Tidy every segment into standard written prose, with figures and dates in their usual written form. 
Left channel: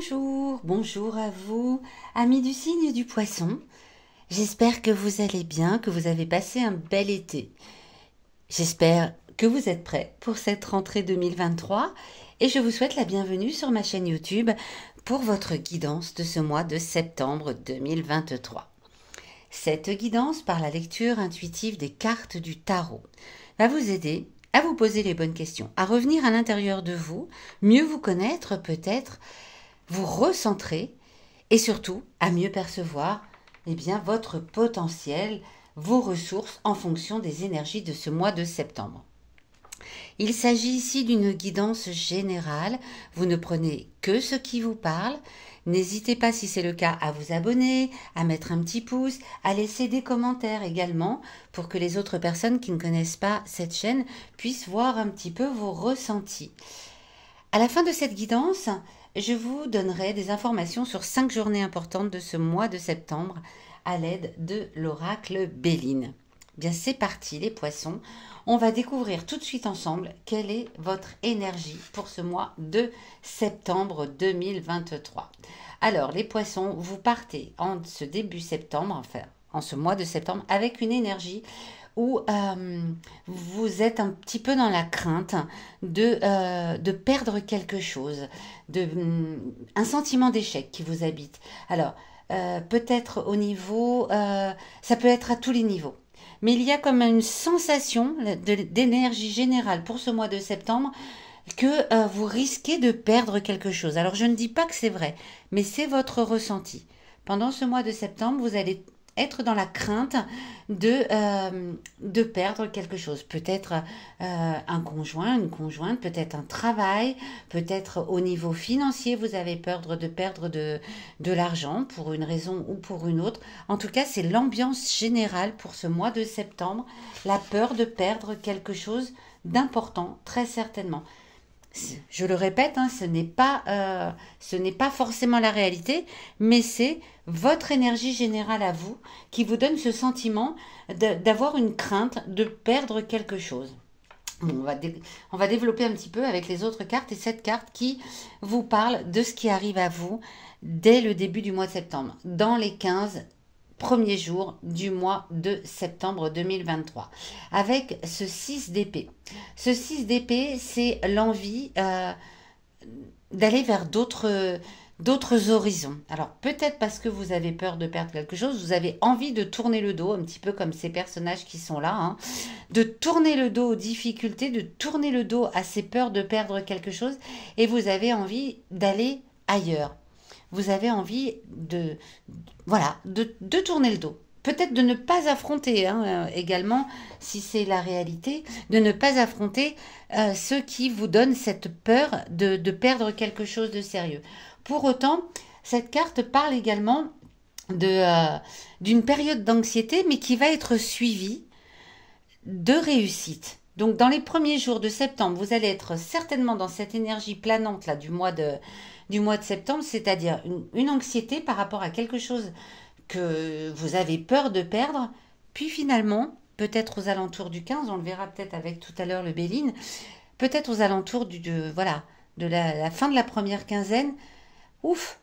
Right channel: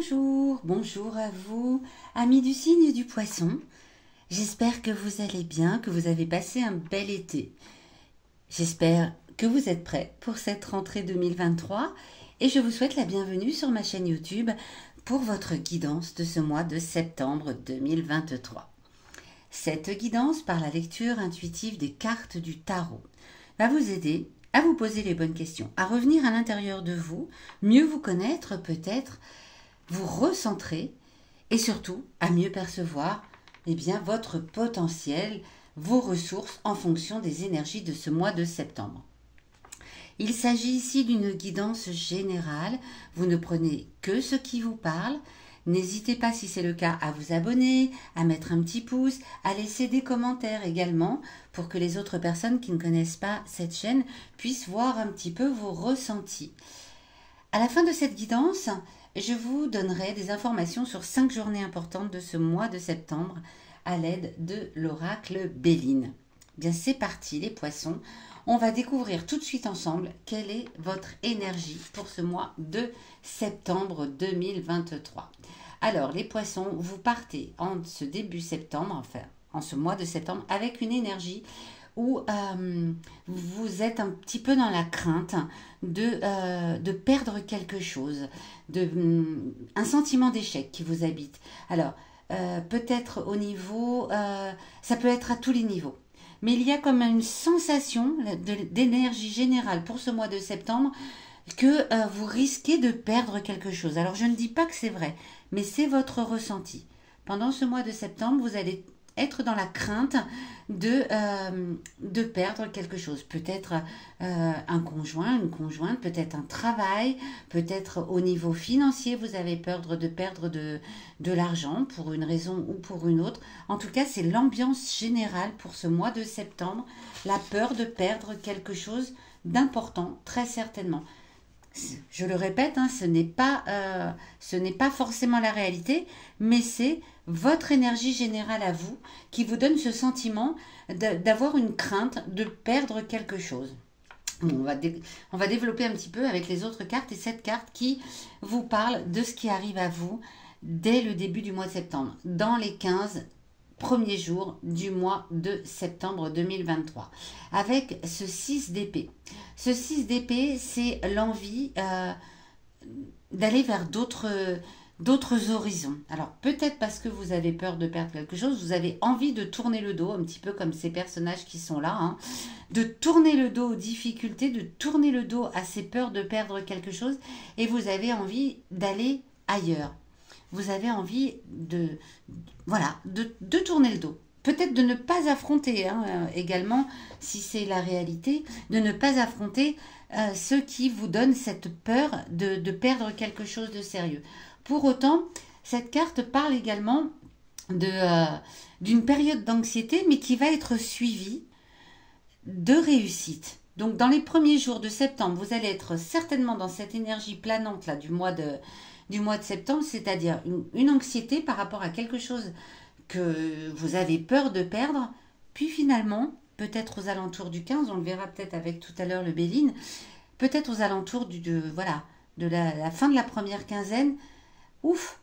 Bonjour, bonjour à vous, amis du signe du poisson. J'espère que vous allez bien, que vous avez passé un bel été. J'espère que vous êtes prêts pour cette rentrée 2023 et je vous souhaite la bienvenue sur ma chaîne YouTube pour votre guidance de ce mois de septembre 2023. Cette guidance par la lecture intuitive des cartes du tarot va vous aider à vous poser les bonnes questions, à revenir à l'intérieur de vous, mieux vous connaître peut-être, vous recentrer et surtout à mieux percevoir votre potentiel, vos ressources en fonction des énergies de ce mois de septembre. Il s'agit ici d'une guidance générale, vous ne prenez que ce qui vous parle. N'hésitez pas, si c'est le cas, à vous abonner, à mettre un petit pouce, à laisser des commentaires également pour que les autres personnes qui ne connaissent pas cette chaîne puissent voir un petit peu vos ressentis. À la fin de cette guidance, je vous donnerai des informations sur 5 journées importantes de ce mois de septembre à l'aide de l'oracle Béline. Bien, c'est parti les poissons. On va découvrir tout de suite ensemble quelle est votre énergie pour ce mois de septembre 2023. Alors les poissons, vous partez en ce début septembre, enfin en ce mois de septembre, avec une énergie où vous êtes un petit peu dans la crainte de perdre quelque chose, un sentiment d'échec qui vous habite. Alors, peut-être au niveau, ça peut être à tous les niveaux, mais il y a comme une sensation d'énergie générale pour ce mois de septembre que vous risquez de perdre quelque chose. Alors, je ne dis pas que c'est vrai, mais c'est votre ressenti. Pendant ce mois de septembre, vous allez être dans la crainte de perdre quelque chose. Peut-être un conjoint, une conjointe, peut-être un travail, peut-être au niveau financier, vous avez peur de perdre de l'argent pour une raison ou pour une autre. En tout cas, c'est l'ambiance générale pour ce mois de septembre, la peur de perdre quelque chose d'important, très certainement. Je le répète, ce n'est pas forcément la réalité, mais c'est votre énergie générale à vous qui vous donne ce sentiment d'avoir une crainte de perdre quelque chose. Bon, on va développer un petit peu avec les autres cartes et cette carte qui vous parle de ce qui arrive à vous dès le début du mois de septembre, dans les 15 premiers jours du mois de septembre 2023, avec ce 6 d'épée. Ce 6 d'épée, c'est l'envie d'aller vers d'autres horizons. Alors peut-être parce que vous avez peur de perdre quelque chose, vous avez envie de tourner le dos, un petit peu comme ces personnages qui sont là, de tourner le dos aux difficultés, de tourner le dos à ces peurs de perdre quelque chose, et vous avez envie d'aller ailleurs. Vous avez envie de tourner le dos. Peut-être de ne pas affronter également, si c'est la réalité, de ne pas affronter ceux qui vous donnent cette peur de perdre quelque chose de sérieux. Pour autant, cette carte parle également d'une période d'anxiété, mais qui va être suivie de réussite. Donc, dans les premiers jours de septembre, vous allez être certainement dans cette énergie planante là, du mois de septembre, c'est-à-dire une anxiété par rapport à quelque chose que vous avez peur de perdre, puis finalement, peut-être aux alentours du 15, on le verra peut-être avec tout à l'heure le Béline, peut-être aux alentours de la fin de la première quinzaine, ouf,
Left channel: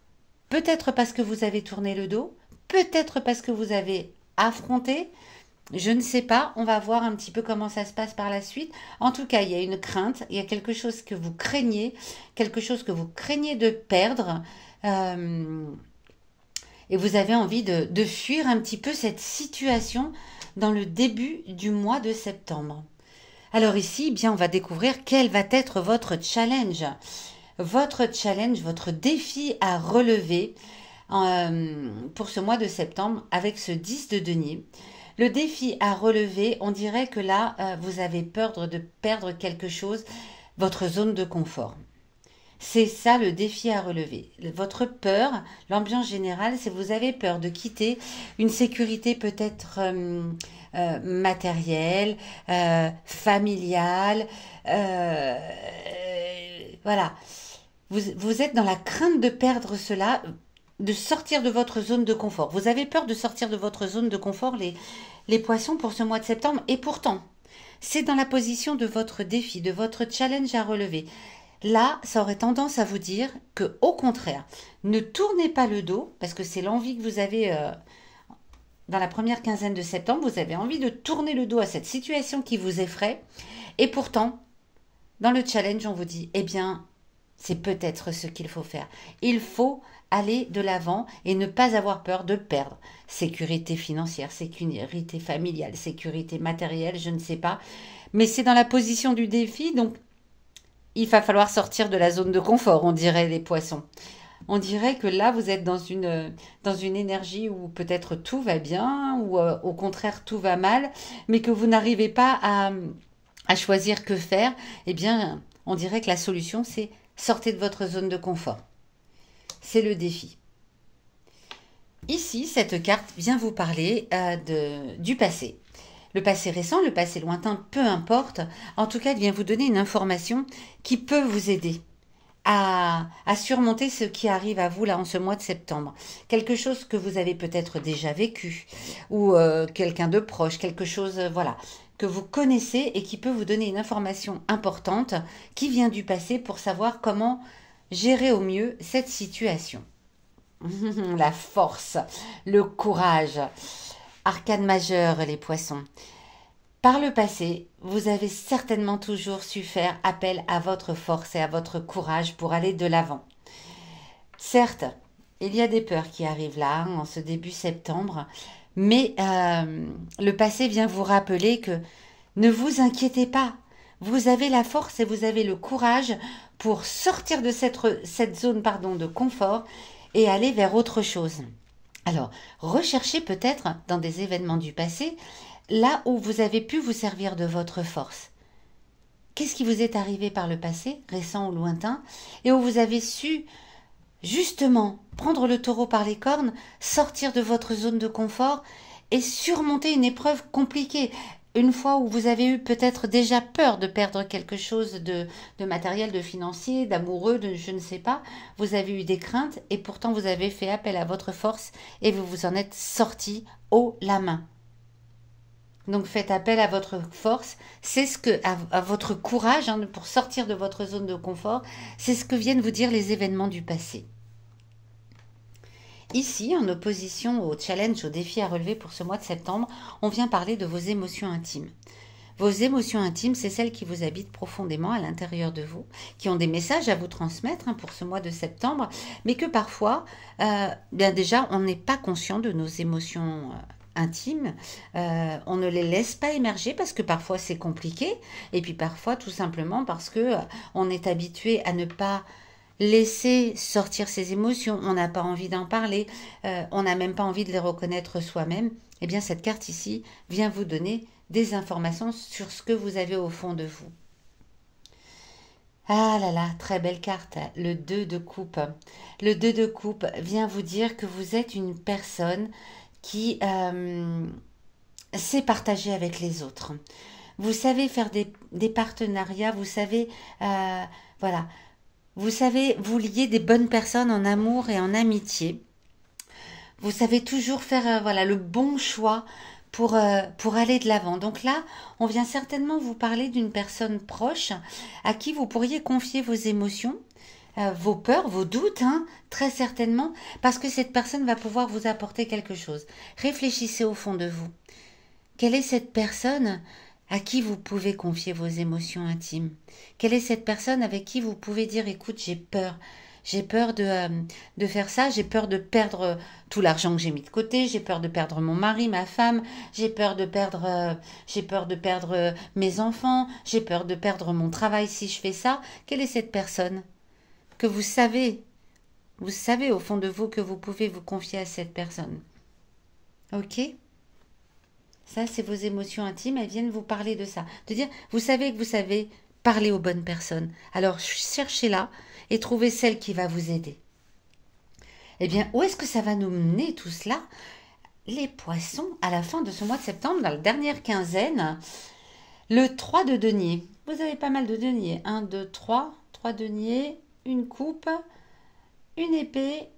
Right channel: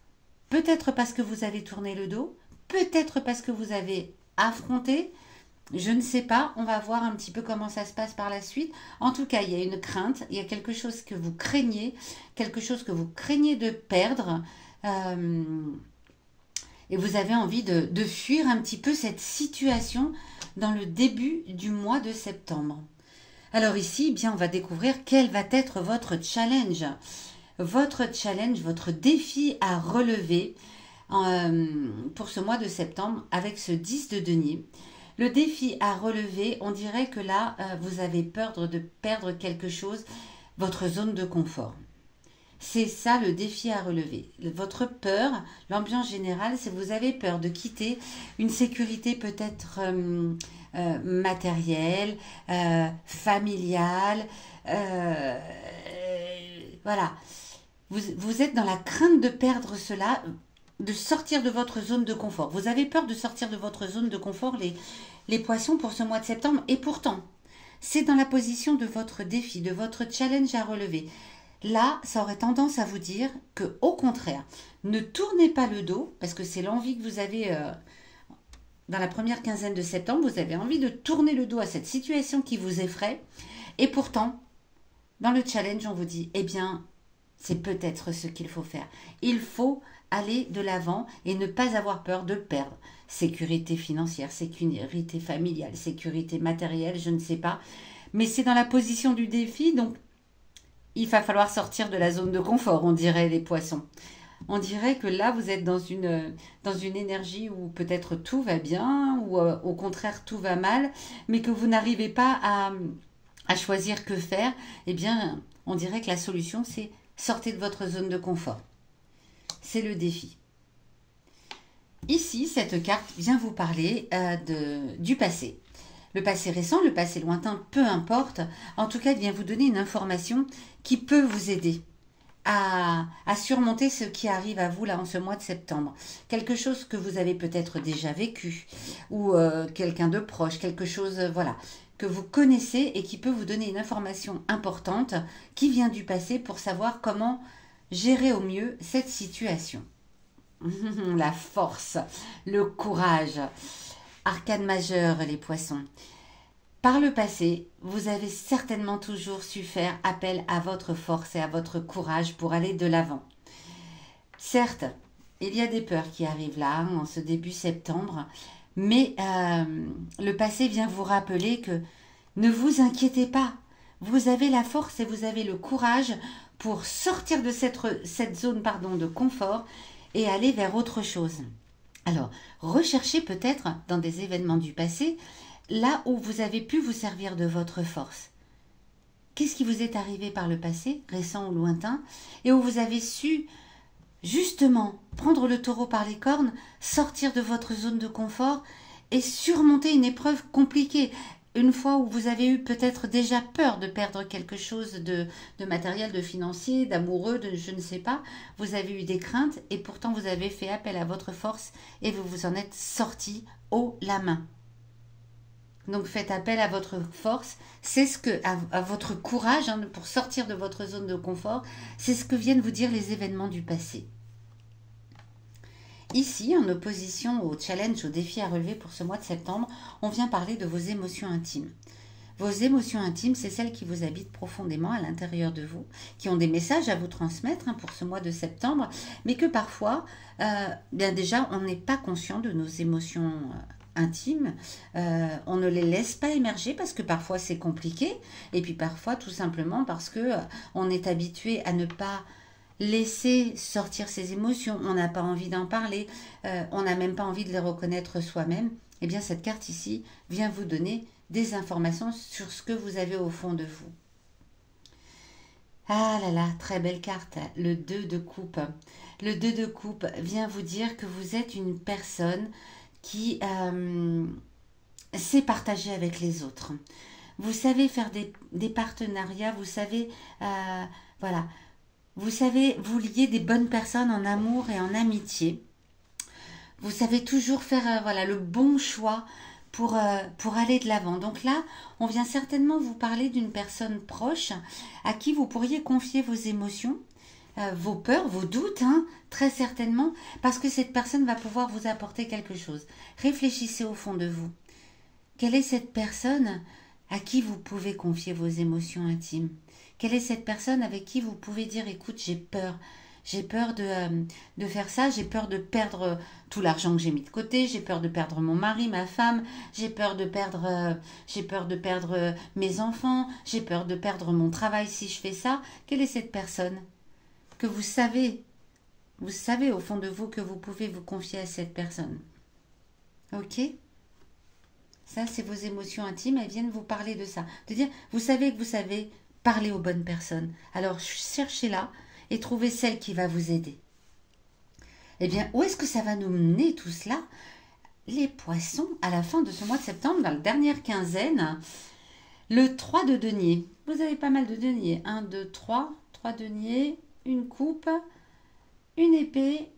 peut-être parce que vous avez tourné le dos, peut-être parce que vous avez affronté, je ne sais pas, on va voir un petit peu comment ça se passe par la suite. En tout cas, il y a une crainte, il y a quelque chose que vous craignez de perdre, et vous avez envie de fuir un petit peu cette situation dans le début du mois de septembre. Alors ici, on va découvrir quel va être votre challenge. Votre défi à relever pour ce mois de septembre avec ce 10 de denier. Le défi à relever, on dirait que là, vous avez peur de perdre quelque chose, votre zone de confort. C'est ça le défi à relever. Votre peur, l'ambiance générale, c'est que vous avez peur de quitter une sécurité peut-être matérielle, familiale. Voilà. Vous êtes dans la crainte de perdre cela, de sortir de votre zone de confort. Vous avez peur de sortir de votre zone de confort, les poissons, pour ce mois de septembre. Et pourtant, c'est dans la position de votre défi, de votre challenge à relever. là, ça aurait tendance à vous dire que, au contraire, ne tournez pas le dos, parce que c'est l'envie que vous avez dans la première quinzaine de septembre, vous avez envie de tourner le dos à cette situation qui vous effraie, et pourtant, dans le challenge, on vous dit, eh bien, c'est peut-être ce qu'il faut faire. Il faut aller de l'avant et ne pas avoir peur de perdre. Sécurité financière, sécurité familiale, sécurité matérielle, je ne sais pas. Mais c'est dans la position du défi, donc il va falloir sortir de la zone de confort, on dirait les poissons. On dirait que là, vous êtes dans une énergie où peut-être tout va bien, ou au contraire tout va mal, mais que vous n'arrivez pas à choisir que faire. Eh bien, on dirait que la solution, c'est sortez de votre zone de confort. C'est le défi. Ici, cette carte vient vous parler du passé. Le passé récent, le passé lointain, peu importe. En tout cas, il vient vous donner une information qui peut vous aider à surmonter ce qui arrive à vous là en ce mois de septembre. Quelque chose que vous avez peut-être déjà vécu ou quelqu'un de proche, quelque chose voilà que vous connaissez et qui peut vous donner une information importante qui vient du passé pour savoir comment gérer au mieux cette situation. La force, le courage. Arcane majeur, les poissons. Par le passé, vous avez certainement toujours su faire appel à votre force et à votre courage pour aller de l'avant. Certes, il y a des peurs qui arrivent là, en ce début septembre, mais le passé vient vous rappeler que ne vous inquiétez pas, vous avez la force et vous avez le courage pour sortir de cette zone de confort et aller vers autre chose. Alors, recherchez peut-être dans des événements du passé là où vous avez pu vous servir de votre force. Qu'est-ce qui vous est arrivé par le passé, récent ou lointain, et où vous avez su justement prendre le taureau par les cornes, sortir de votre zone de confort et surmonter une épreuve compliquée. Une fois où vous avez eu peut-être déjà peur de perdre quelque chose de matériel, de financier, d'amoureux, de je ne sais pas, vous avez eu des craintes et pourtant vous avez fait appel à votre force et vous vous en êtes sorti haut la main. Donc faites appel à votre force, c'est ce que à votre courage pour sortir de votre zone de confort, c'est ce que viennent vous dire les événements du passé. Ici, en opposition au challenge, au défi à relever pour ce mois de septembre, on vient parler de vos émotions intimes. Vos émotions intimes, c'est celles qui vous habitent profondément à l'intérieur de vous, qui ont des messages à vous transmettre pour ce mois de septembre, mais que parfois, bien déjà, on n'est pas conscient de nos émotions intimes, on ne les laisse pas émerger parce que parfois c'est compliqué, et puis parfois tout simplement parce que on est habitué à ne pas laisser sortir ses émotions, on n'a pas envie d'en parler, on n'a même pas envie de les reconnaître soi-même. Eh bien cette carte ici vient vous donner des informations sur ce que vous avez au fond de vous. Ah là là, très belle carte, le 2 de coupe. Le 2 de coupe vient vous dire que vous êtes une personne qui sait partager avec les autres. Vous savez faire des partenariats, vous savez, voilà, vous savez vous lier des bonnes personnes en amour et en amitié. Vous savez toujours faire voilà, le bon choix pour aller de l'avant. Donc là, on vient certainement vous parler d'une personne proche à qui vous pourriez confier vos émotions, vos peurs, vos doutes, très certainement, parce que cette personne va pouvoir vous apporter quelque chose. Réfléchissez au fond de vous. Quelle est cette personne à qui vous pouvez confier vos émotions intimes? Quelle est cette personne avec qui vous pouvez dire, écoute, j'ai peur. J'ai peur de faire ça, j'ai peur de perdre tout l'argent que j'ai mis de côté, j'ai peur de perdre mon mari, ma femme, j'ai peur de perdre mes enfants, j'ai peur de perdre mon travail si je fais ça. Quelle est cette personne que vous savez au fond de vous que vous pouvez vous confier à cette personne? Ok? Ça, c'est vos émotions intimes, elles viennent vous parler de ça. De dire, vous savez que vous savez parler aux bonnes personnes. Alors, cherchez-la et trouvez celle qui va vous aider. Eh bien, où est-ce que ça va nous mener tout cela? Les poissons, à la fin de ce mois de septembre, dans la dernière quinzaine, le 3 de denier. Vous avez pas mal de deniers. 1, 2, 3. 3 deniers, une coupe, une épée,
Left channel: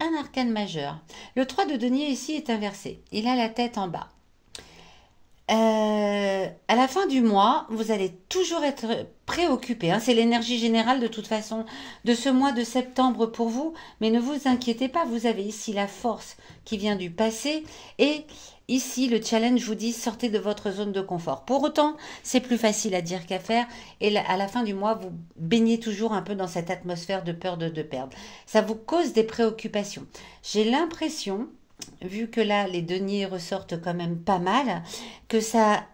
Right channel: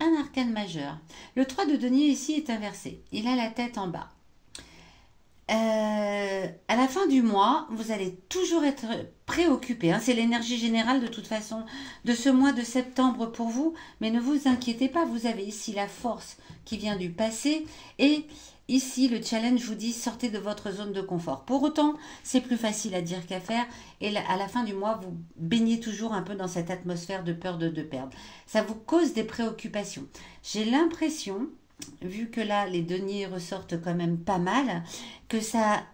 un arcane majeur. Le 3 de denier ici est inversé. Il a la tête en bas. À la fin du mois, vous allez toujours être préoccupé, hein. C'est l'énergie générale de toute façon de ce mois de septembre pour vous. Mais ne vous inquiétez pas, vous avez ici la force qui vient du passé. Et ici, le challenge vous dit sortez de votre zone de confort. Pour autant, c'est plus facile à dire qu'à faire. Et à la fin du mois, vous baignez toujours un peu dans cette atmosphère de peur de perdre. Ça vous cause des préoccupations. J'ai l'impression, vu que là, les deniers ressortent quand même pas mal, que ça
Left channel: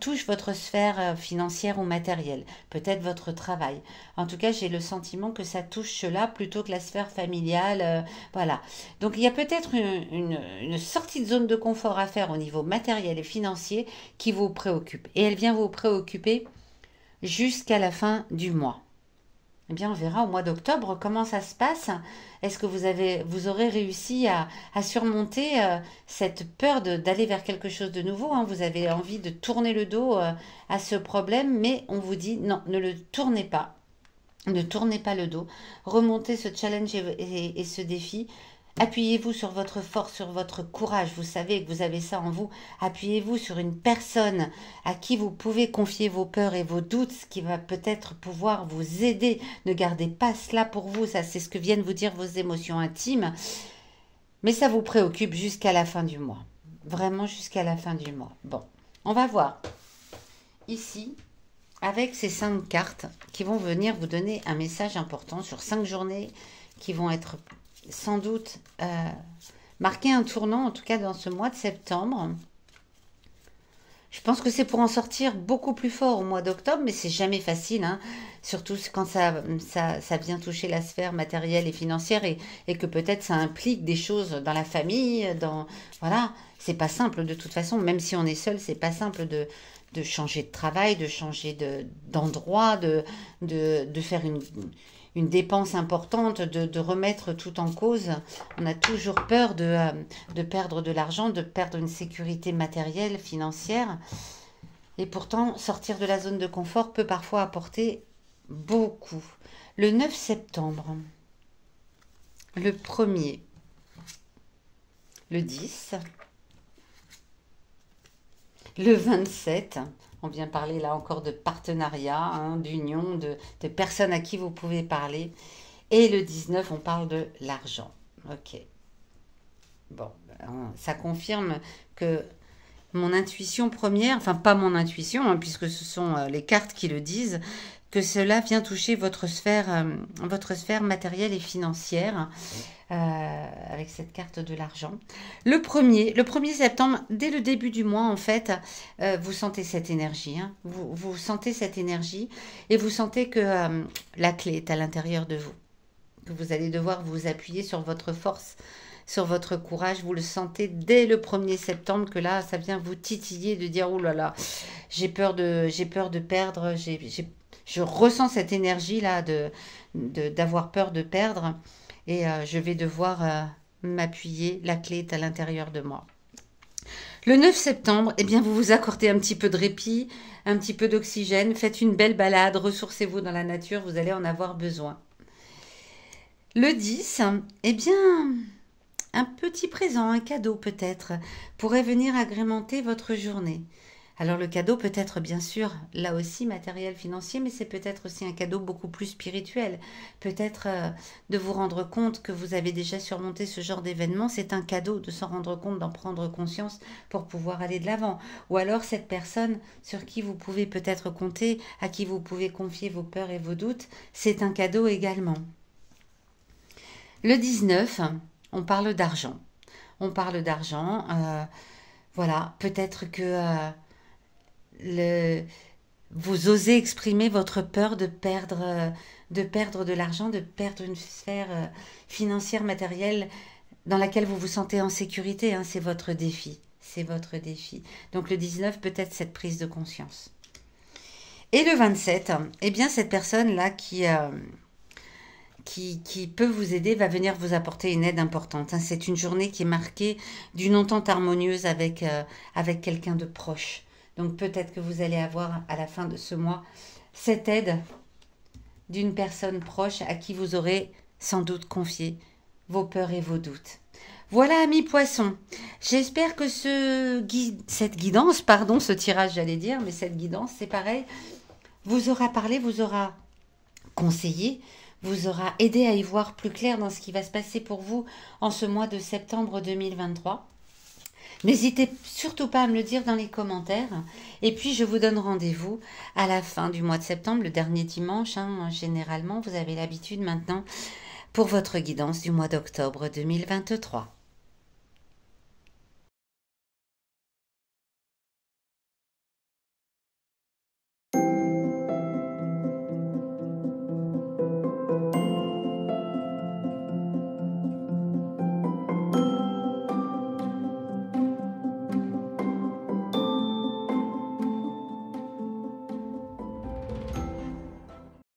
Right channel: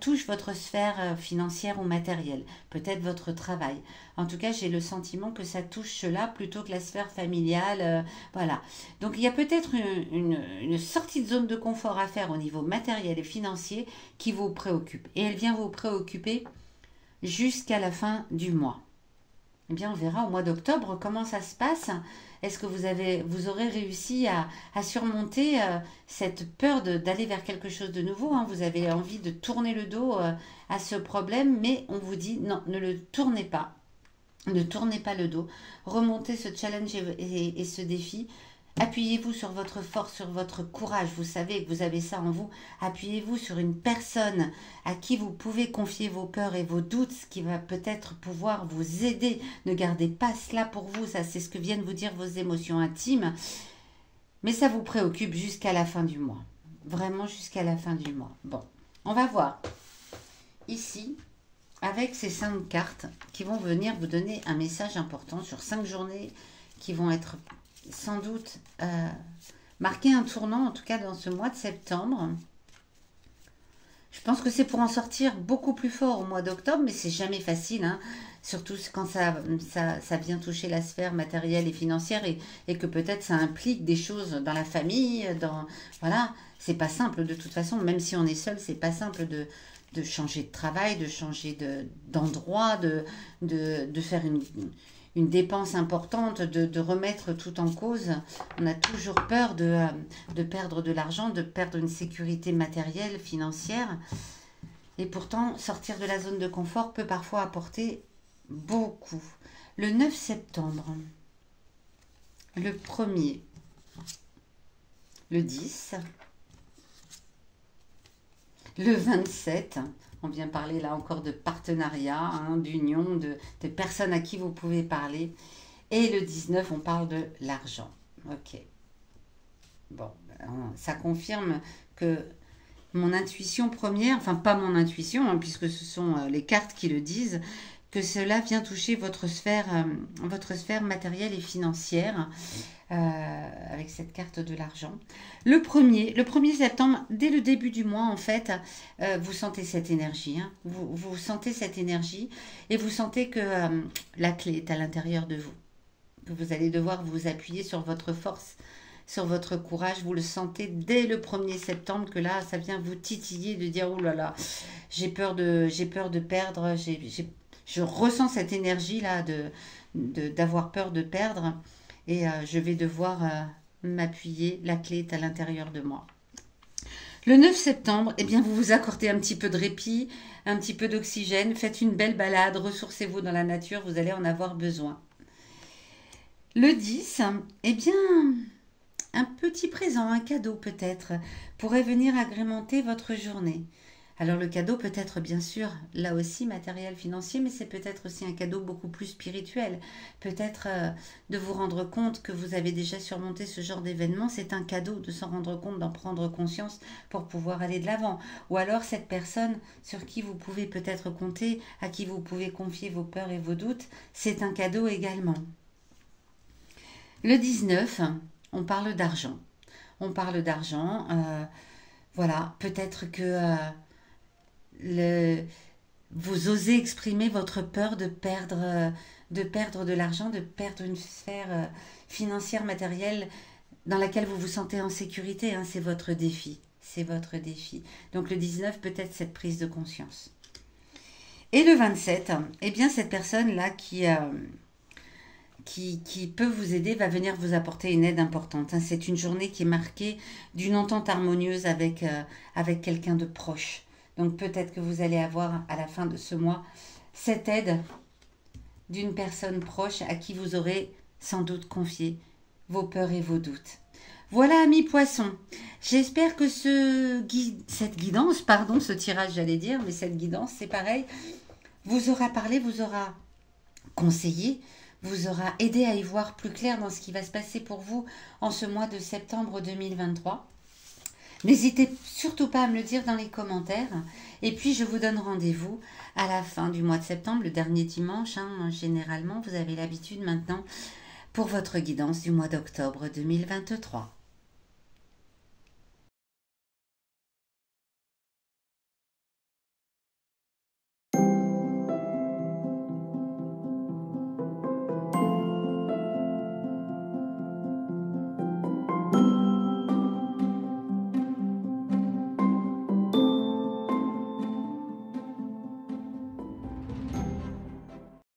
touche votre sphère financière ou matérielle, peut-être votre travail. En tout cas, j'ai le sentiment que ça touche cela plutôt que la sphère familiale. Voilà. Donc, il y a peut-être une sortie de zone de confort à faire au niveau matériel et financier qui vous préoccupe. Et elle vient vous préoccuper jusqu'à la fin du mois. Eh bien, on verra au mois d'octobre comment ça se passe. Est-ce que vous aurez réussi à surmonter cette peur d'aller vers quelque chose de nouveau, hein. Vous avez envie de tourner le dos à ce problème, mais on vous dit non, ne le tournez pas. Ne tournez pas le dos. Remontez ce challenge et ce défi. Appuyez-vous sur votre force, sur votre courage. Vous savez que vous avez ça en vous. Appuyez-vous sur une personne à qui vous pouvez confier vos peurs et vos doutes, ce qui va peut-être pouvoir vous aider. Ne gardez pas cela pour vous. Ça, c'est ce que viennent vous dire vos émotions intimes. Mais ça vous préoccupe jusqu'à la fin du mois. Vraiment jusqu'à la fin du mois. Bon, on va voir ici avec ces 5 cartes qui vont venir vous donner un message important sur 5 journées qui vont être sans doute marquer un tournant, en tout cas dans ce mois de septembre. Je pense que c'est pour en sortir beaucoup plus fort au mois d'octobre, mais c'est jamais facile, hein. Surtout quand ça vient toucher la sphère matérielle et financière et que peut-être ça implique des choses dans la famille, voilà, c'est pas simple de toute façon, même si on est seul, c'est pas simple de changer de travail, de changer d'endroit, de faire une dépense importante, de remettre tout en cause. On a toujours peur de perdre de l'argent, de perdre une sécurité matérielle, financière. Et pourtant, sortir de la zone de confort peut parfois apporter beaucoup. Le 9 septembre, le 1er, le 10, le 27, on vient parler là encore de partenariat, hein, d'union, de personnes à qui vous pouvez parler. Et le 19, on parle de l'argent. Ok. Bon, ça confirme que mon intuition première, enfin pas mon intuition, hein, puisque ce sont les cartes qui le disent, que cela vient toucher votre sphère matérielle et financière. Avec cette carte de l'argent. Le 1er septembre, dès le début du mois, en fait, vous sentez cette énergie, hein. Vous sentez cette énergie et vous sentez que la clé est à l'intérieur de vous. Que vous allez devoir vous appuyer sur votre force, sur votre courage. Vous le sentez dès le 1er septembre que là, ça vient vous titiller de dire « Oh là là, j'ai peur de perdre, je ressens cette énergie-là d'avoir peur de perdre. » Et je vais devoir m'appuyer. La clé est à l'intérieur de moi. Le 9 septembre, eh bien, vous vous accordez un petit peu de répit, un petit peu d'oxygène. Faites une belle balade, ressourcez-vous dans la nature, vous allez en avoir besoin. Le 10, eh bien, un petit présent, un cadeau peut-être, pourrait venir agrémenter votre journée. Alors le cadeau peut être bien sûr là aussi matériel, financier, mais c'est peut-être aussi un cadeau beaucoup plus spirituel. Peut-être de vous rendre compte que vous avez déjà surmonté ce genre d'événement, c'est un cadeau de s'en rendre compte, d'en prendre conscience pour pouvoir aller de l'avant. Ou alors cette personne sur qui vous pouvez peut-être compter, à qui vous pouvez confier vos peurs et vos doutes, c'est un cadeau également. Le 19, on parle d'argent. On parle d'argent, voilà, peut-être que... vous osez exprimer votre peur de perdre de l'argent, de perdre une sphère financière, matérielle dans laquelle vous vous sentez en sécurité, hein, c'est votre défi. C'est votre défi. Donc le 19, peut-être cette prise de conscience. Et le 27, eh bien cette personne-là qui peut vous aider va venir vous apporter une aide importante, hein. C'est une journée qui est marquée d'une entente harmonieuse avec quelqu'un de proche. Donc peut-être que vous allez avoir à la fin de ce mois cette aide d'une personne proche à qui vous aurez sans doute confié vos peurs et vos doutes. Voilà, amis poissons. J'espère que cette guidance, pardon, ce tirage, j'allais dire, mais cette guidance, c'est pareil, vous aura parlé, vous aura conseillé, vous aura aidé à y voir plus clair dans ce qui va se passer pour vous en ce mois de septembre 2023. N'hésitez surtout pas à me le dire dans les commentaires. Et puis, je vous donne rendez-vous à la fin du mois de septembre, le dernier dimanche. Généralement, vous avez l'habitude maintenant pour votre guidance du mois d'octobre 2023.